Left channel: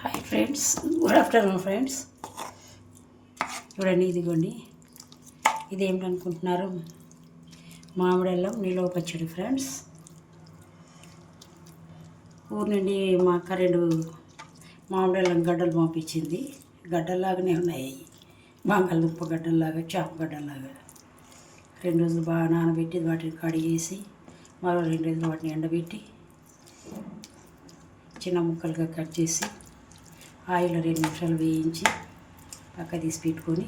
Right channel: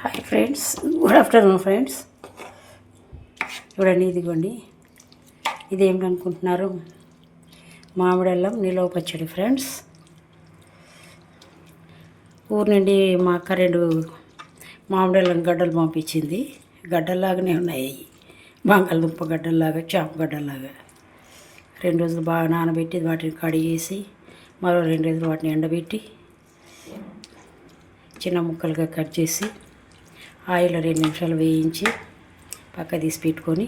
Hi friends, good afternoon friends. చూడండి, ఇదిగోండి, ఇదేమిటనుకుంటున్నారు? మామిడల్లం నిల్వ పచ్చడి ఫ్రెండ్స్. ఊరు నుండి మా అక్క 2 మామిడల్లం గడ్డలు పంపించింది. గడ్డల్లాగానే ఉన్నాయి, బంగాళదుంప గడ్డల్లాగా, చేప గడ్డల్లాగా. 2 రోజులు బాగా నానబెట్టి వాటిని కడిగేసి మరో 2 రోజులు వాటిని ఎండబెట్టి చిన్న ముక్కలుగా కట్ చేసి ఆయిల్లో 2 నిమిషాలు వేయించి పక్క తీసి పెట్టుకొని,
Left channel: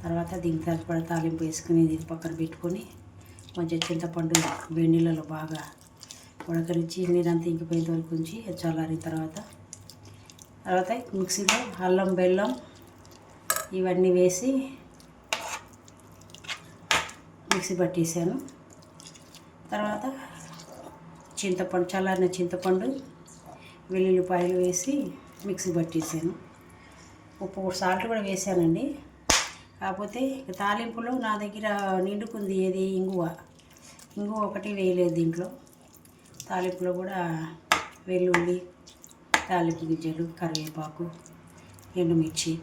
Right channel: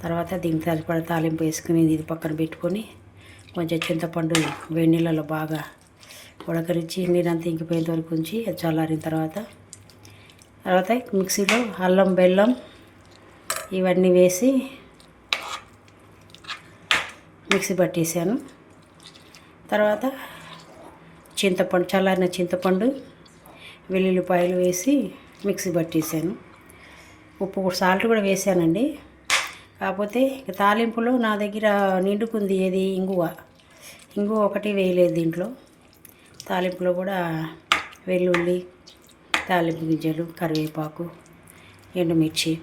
తర్వాత దీనికి సరిపడా తాలింపు వేసుకుని ఇది పక్కన పెట్టుకొని, కొంచెం చింతపండు వేడి నీళ్ళలో బాగా ఉడకరించి నీరంతా ఇంకిపోయేంత వరకు ఉంచి అది చల్లారిన తర్వాత మిక్సీలో అల్లం, బెల్లం ఇవన్నీ వేసి మిక్సీ పట్టేసాను. తర్వాత చల్లారిన చింతపండు, వెల్లుల్లిపాయలు వేసి మిక్సీ పట్టేసాను. ఉప్పు సాల్ట్ కూడా వేసానండి. కాకపోతే తాలింపులో నా దగ్గర నిండుకుంది ఏది ఇంగువ ఒకటి వేయలేదు దీంట్లో. తాలింపులో కూడా వెల్లుల్లి, తాలింపు గింజలు, కరివేపాకు, ఎండుమిర్చి,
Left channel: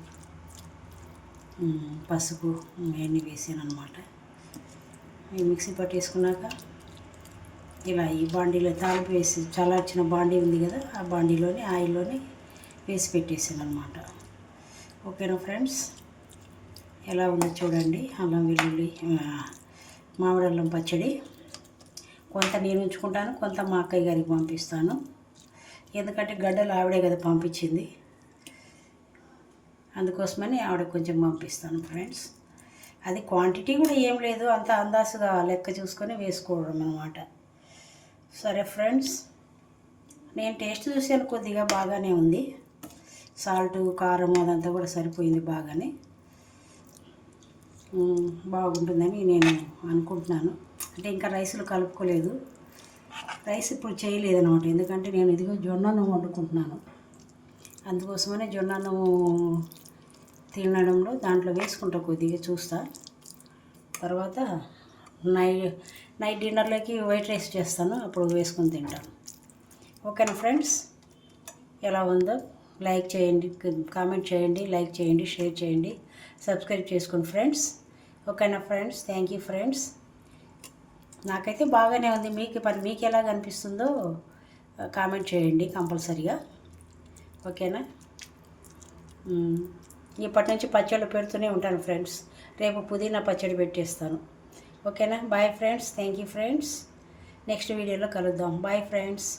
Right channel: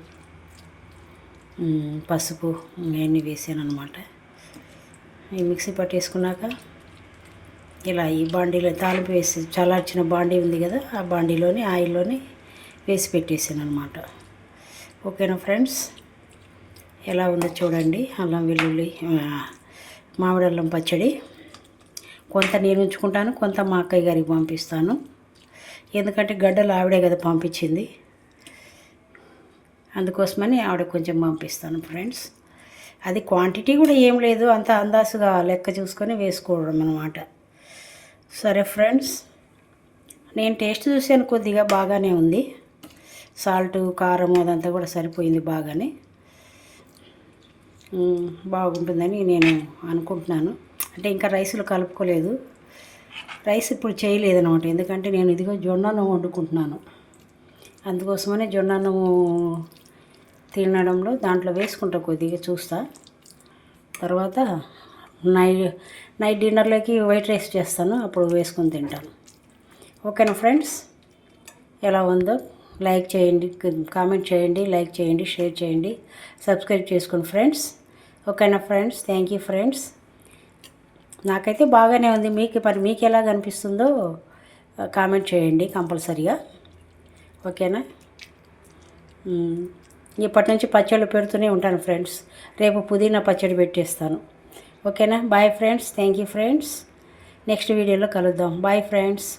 పసుపు ఇవన్నీ వేసాను అనమాట. ఈ మిక్సీ పట్టేసుకున్నాక ఇలా ఈ బాండీలో తాలింపు వేసి చల్లార్చిన బాండీ ఉంది కదా, ఆ బాండీలోని ఆయిల్లోని వేసి పెట్టేసాను అనమాట. ఓకేనా ఫ్రెండ్స్, ఎలా ఉందో చూడండి. అల్లం వెల్లుల్లి మామిడల్లం పచ్చడి కొంత నేను ఉంచుకుంటాను, కొంత మా అక్కయ్య గారికి పంపిస్తాను. ఎందుకంటే గడ్డలు ఆవిడే కదా పంపించింది, అందుకోసమని ఆవిడకి కొంచెం పంపిస్తాను ఫ్రెండ్స్. అది క్వాంటిటీ కూడా ఏం లేదు, అంత అందాసుగా లెక్క చూసుకొని వేసుకోవడం అనమాట. సరే ఫ్రెండ్స్, నేను టేస్ట్ చూసాను, కొద్దిగా బాగానే ఉంది. సాల్ట్, కారం అదంతా కూడా సరిపోయింది, బాగానే బాగుంటుందని నేను అనుకుంటున్నాను. అంటే ఇంకా రైస్లో కలుపుకోలేదు, రైస్ ఇప్పుడు చేయలేదన్నమాట. ఎందుకంటే నేను ఇదిగో జొన్నను వండుకుంటున్నాను, అందుకోసమనే జొన్నను తినడంలో దాంట్లో వేసుకుంటా, కొద్దిగా చూస్తా. తర్వాత నైట్ డిన్నర్లోకి వైట్ రైస్ చేస్తాను, అప్పుడు వేసుకొని తింటాను. ఓకేనా ఫ్రెండ్స్, ఎలా ఉందో లైక్ చేయండి, కామెంట్ చేయండి, లైక్ చేయండి, షేర్ చేయండి, సబ్స్క్రైబ్ చేసుకోండి ఫ్రెండ్స్. ఓకేనా ఫ్రెండ్స్, థ్యాంక్ యూ ఫ్రెండ్స్. నాకైతే బాగానే ఉంది. మీకు ఎలా అనిపిస్తుందో కామెంట్ చేయండి కంపల్సరీగా. ఓకేనా, ఇప్పటి నుంచి పచ్చళ్ళు పెడుతూనే ఉంటాను ఫ్రెండ్స్. రేపు పుదీనా పచ్చడి పెట్టేస్తాను. ఓకేనా, bye friends, thank you friends. Next వీడియోలో కలుద్దాం. Bye friends.